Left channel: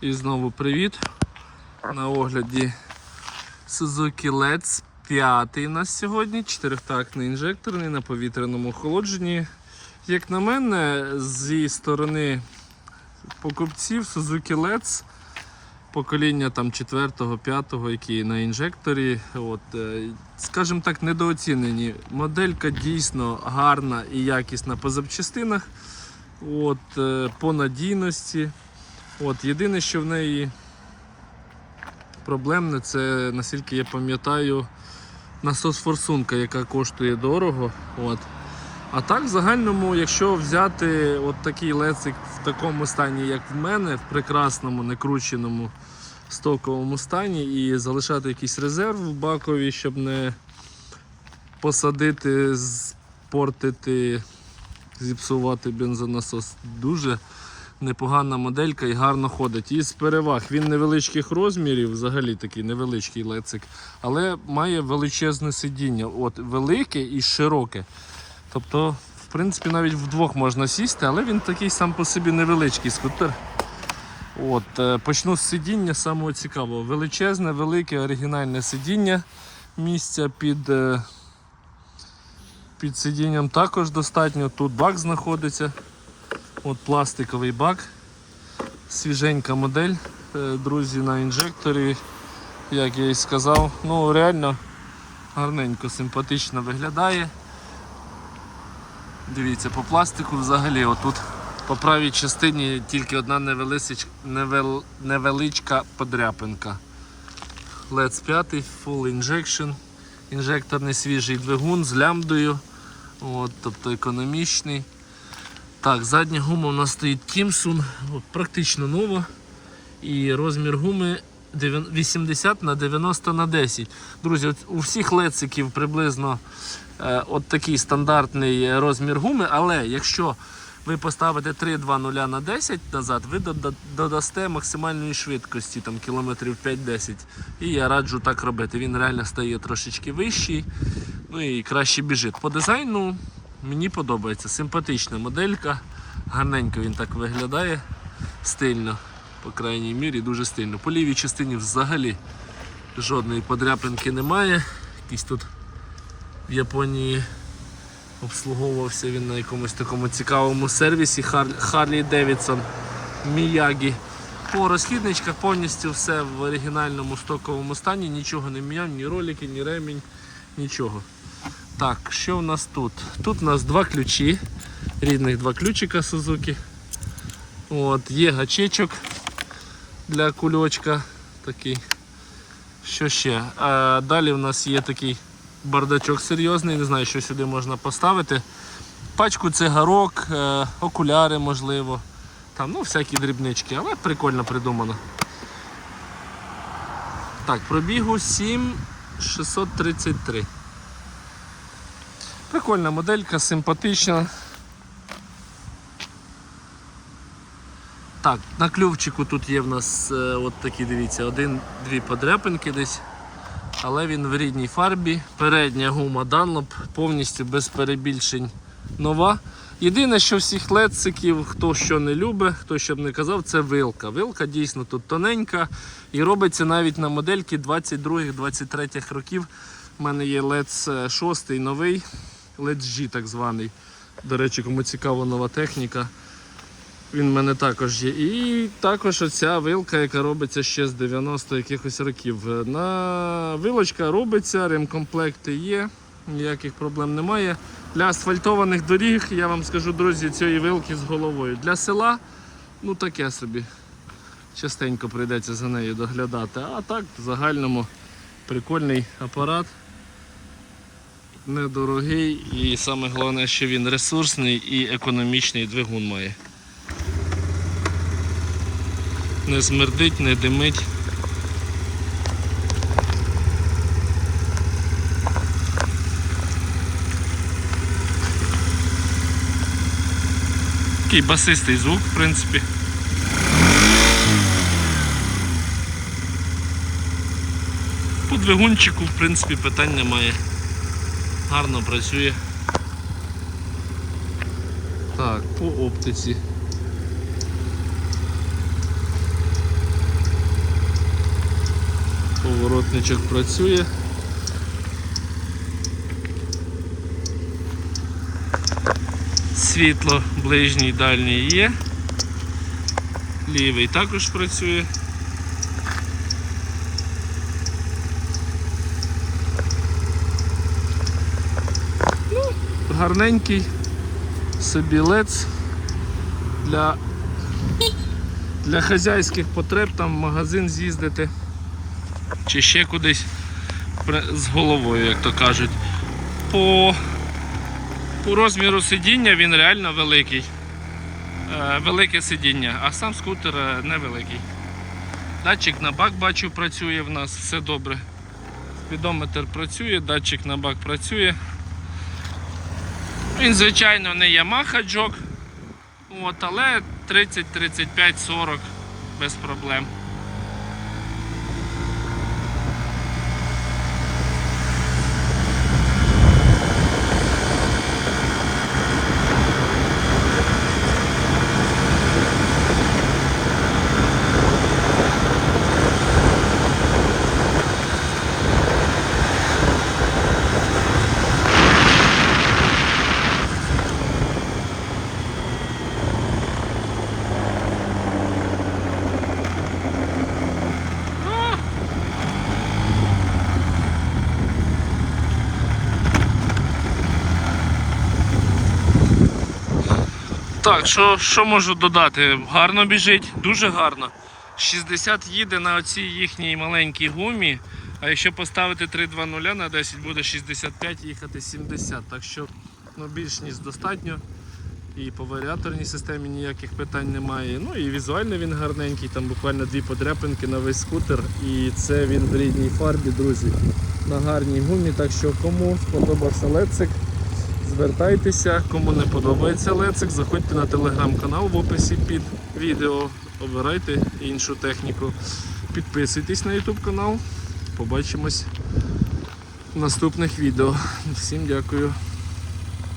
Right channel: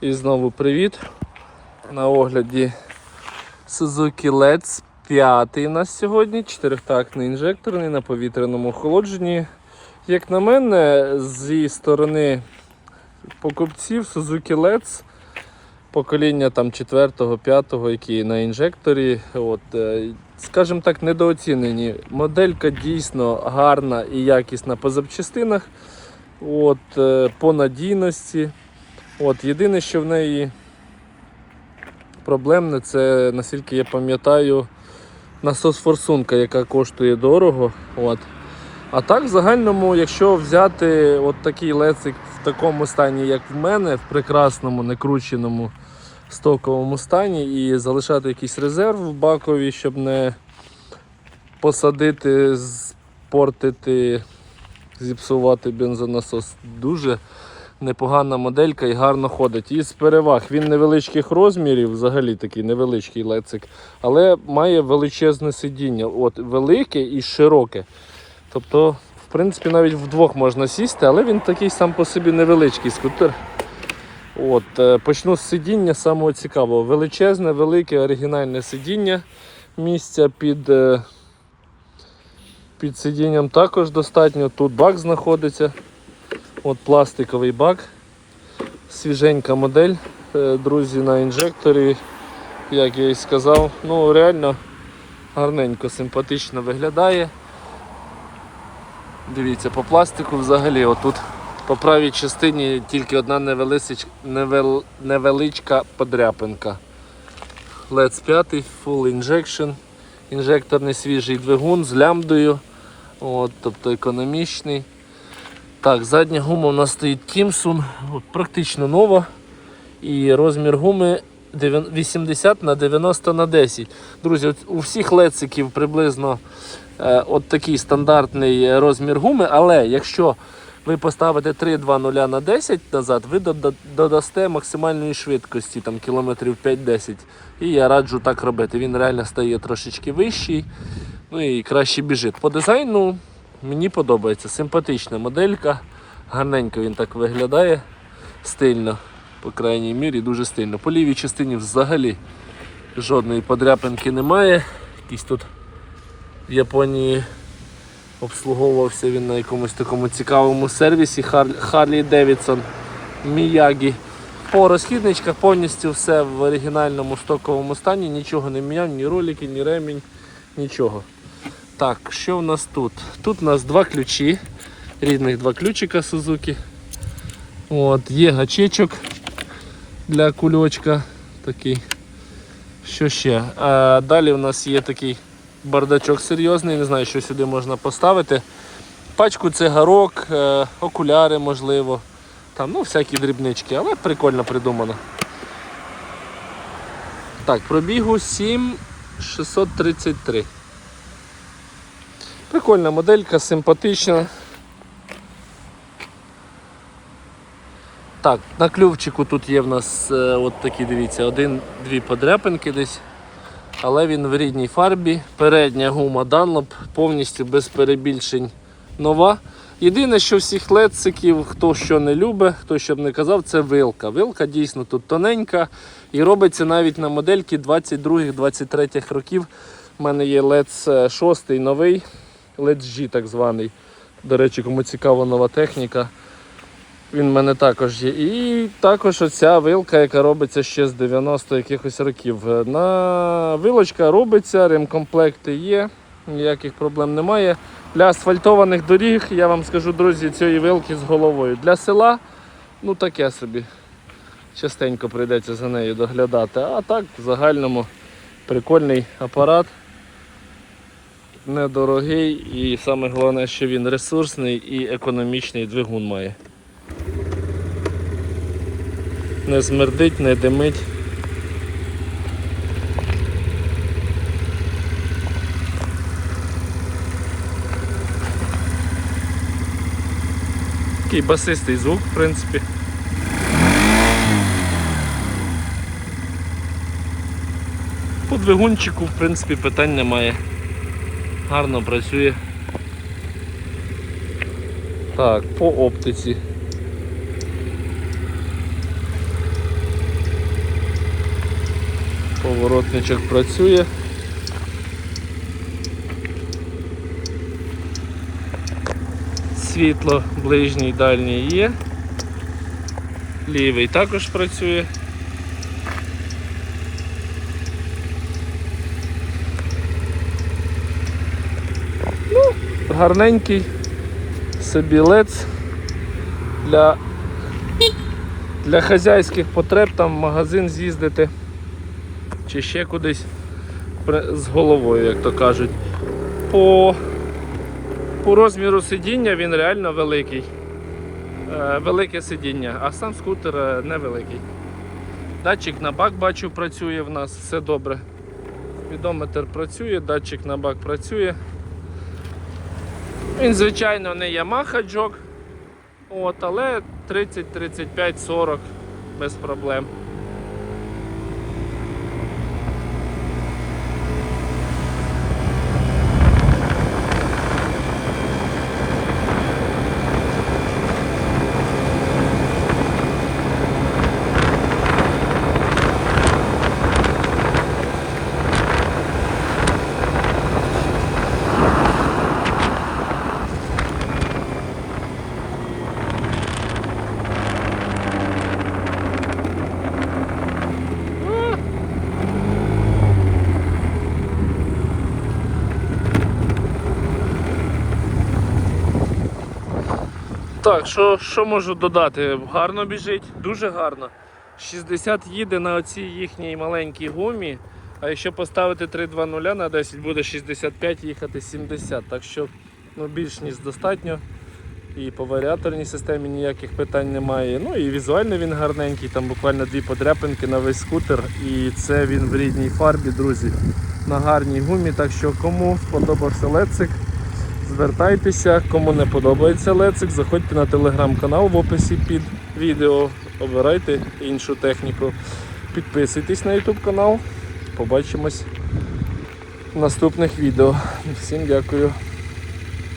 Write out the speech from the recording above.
І знову привіт. На огляді Suzuki Let's 5 у нас сьогодні. Чотирьохтактний інжекторний на повітряному охолодженні. Як на мене, зі сторони покупців Suzuki Let's покоління там 4-5, які на інжекторі. От, е, скажімо так, недооцінені. Моделька дійсно гарна і якісна по запчастинах. От, е, по надійності. От, єдине, що в неї проблемне, це, наскільки я пам'ятаю, насос форсунка, яка коштує дорого. От. А так, в загальному, якщо взяти от такий лецик в такому стані, як в мене, в прекрасному, некрученому стоковому стані, і залишати якийсь резерв в бакові, щоб не посадити, спортити, зіпсувати бензонасос, дуже непогана моделька і гарно ходить. Із переваг він невеличких розмірів, взагалі такий невеличкий лецик, але має величезне сидіння. От Велике і широке. Тобто, в принципі, навіть вдвох можна сісти, але він такий сам по собі невеличкий скутер. От, е, Почну з сидіння самого цікавого. Величезне, велике, оригінальне сидіння. Місця під, е, під сидінням також достатньо. Тут бак знаходиться. От пластиковий бак. Свіженька модель, е, друзі, на інжекторі. Як я і сказав, ну реально гарненько, симпатично виглядає. Дивіться, по пластику взагалі отут по правій частині тільки одна невеличка, невел, невеличка подряпинка. Let's 5 Full Injection. Інжекторний свіжий двигун з лямбдою. От, тобто економічний. Так, задня гума у нас стоїть Timsun, практично нова. І розмір гуми 80 на 90 на 10. Друзі, у всіх лециків приблизно е, от такий стандартний розмір гуми, але якщо ви поставите 3-2-0 на 10 назад, ви додасте максимальної швидкості, там кілометрів 5-10. І я раджу так робити. Він реально стає трошечки вищий, ну і краще біжить. По дизайну мені подобається. Симпатична моделька, гарненько він так виглядає, стильно, по крайній мірі, дуже стильно. По лівій частині взагалі жодної подряпинки немає. Якийсь тут в Японії обслуговувався він на якомусь такому цікавому сервісі Харлі Девідсон Міягі. По розхідничках повністю все в оригінальному стоковому стані, нічого не міняв, ні ролики, ні ремінь, нічого. Так, що в нас тут? Тут у нас два ключі, рідних два ключика Suzuki. От, Є гачечок для кульочка такий. Що ще? А, далі у нас є такий бардачок серйозний, не знаю, що сюди можна поставити. Пачку цигарок, е, окуляри можливо. Там, ну, всякі дрібнички, але прикольно придумано. Так, пробігу 7633. Прикольна моделька, симпатична. Так, на клювчику тут є в нас е, от такі, дивіться, один-дві подряпинки десь. Але він в рідній фарбі. Передня гума Dunlop повністю без перебільшень нова. Єдине, що всіх лециків, хто що не любить, хто що б не казав, це вилка. Вилка дійсно тут тоненька і робиться навіть на модельки 22-23 років. У мене є Lec 6 новий, G так званий. До речі, кому цікава нова техніка. Він в мене також є. І також оця вилка, яка робиться ще з 90 якихось років. На вилочка робиться, ремкомплекти є, ніяких проблем немає. Для асфальтованих доріг, я вам скажу, друзі, цієї вилки з головою. Для села, ну таке собі. Частенько прийдеться за нею доглядати. А так, в загальному прикольний апарат. Недорогий і саме головне, що він ресурсний і економічний двигун має. Не смердить, не димить. Такий басистий звук, в принципі. По двигунчику, в принципі, питань немає гарно працює. Так, по оптиці. Поворотничок працює. Світло ближній дальній є, лівий також працює. Гарненький собі лец для, для хазяйських потреб там в магазин з'їздити чи ще кудись з головою, як то кажуть. По, по розміру сидіння він реально великий. Е, велике сидіння, а сам скутер е, невеликий. Датчик на бак бачу працює в нас, все добре. Відометр працює, датчик на бак працює. Він, звичайно, не Yamaha джок, от, але 30, 35, 40 без проблем. Так, що, що можу додати? Гарно біжить, дуже гарно. 60 їде на оцій їхній маленькій гумі. А якщо поставити 3.2.0 на 10, буде 65 їхати 70. Так що ну, більш ніж достатньо. І по варіаторній системі ніяких питань немає. Ну і візуально він гарненький, там буквально дві подряпинки на весь скутер. І це він в рідній фарбі, друзі, на гарній гумі. Так що кому сподобався лецик, звертайтеся. Кому не подобається лецик, заходьте на телеграм-канал в описі під відео, обирайте іншу техніку. Підписуйтесь на YouTube канал. Побачимось в наступних відео. Всім дякую.